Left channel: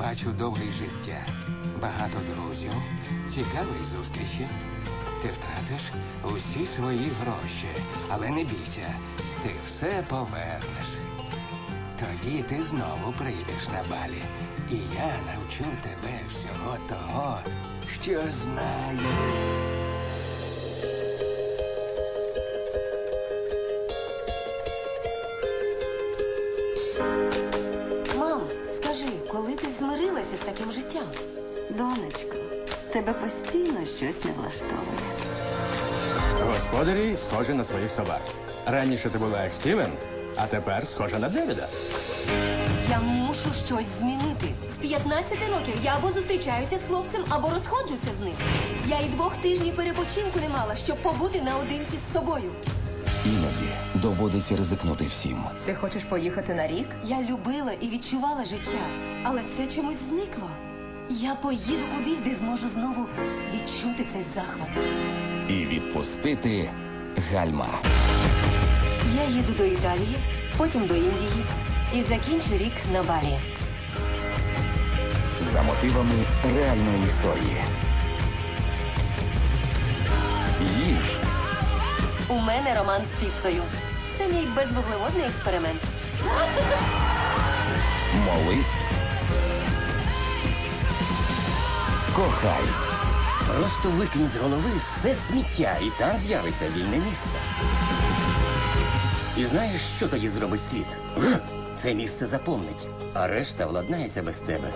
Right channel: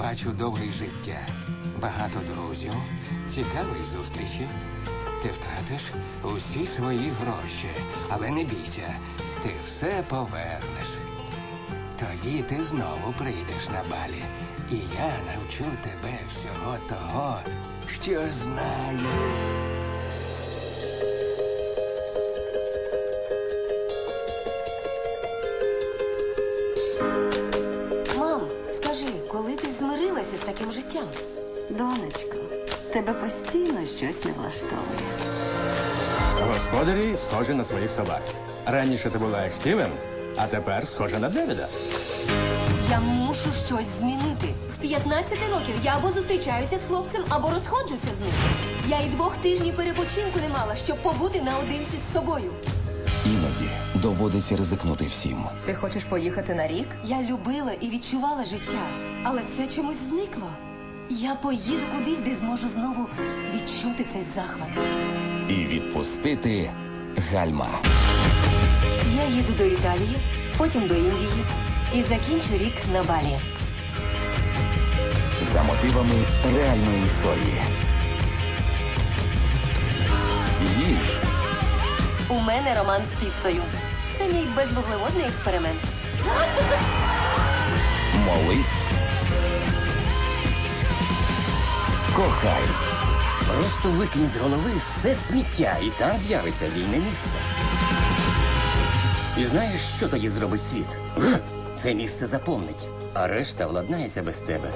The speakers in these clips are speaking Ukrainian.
бачу довге життя, багато друзів, цікаві зустрічі. Ти втратиш усі свої гроші, але не бійся, ти все повернеш. Тоді ти знову прийдеш на балі, і я навчу тебе всього того, що знаю. Коли ти змирилася з таким життям? Донечко, тебе постійно щось не влаштовує. Господарі схожі на своїх собак. Раніше ти була як Стівен, а тепер схожа на Девіда. Я мушу щось змінити. З 15 років я або зустрічаюся з хлопцем, або розходжуся з ним. Я і двох тижнів перепочинку не мала, щоб побути наодинці з собою. Доводиться ризикнути всім. Ти хочеш поїхати на рік? Я любила і відчувала життя, але це чомусь зникло. Я поїду кудись, де зможу знову відчути цей захват. І відпустити гальма. Я їду до Італії, потім до Індії і закінчу рік на Балі. За мотивами реальної історії. У мене роман з піцею. Безвуглеводний експеримент. Молись. Кохай. Просто викинь з голови все сміття, і там з'явиться вільне місце. І знаєш, що тоді зробить світ? Це місце заповнить, а решта владнається без тебе.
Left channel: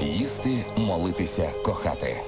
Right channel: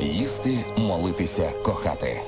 Їсти, молитися, кохати.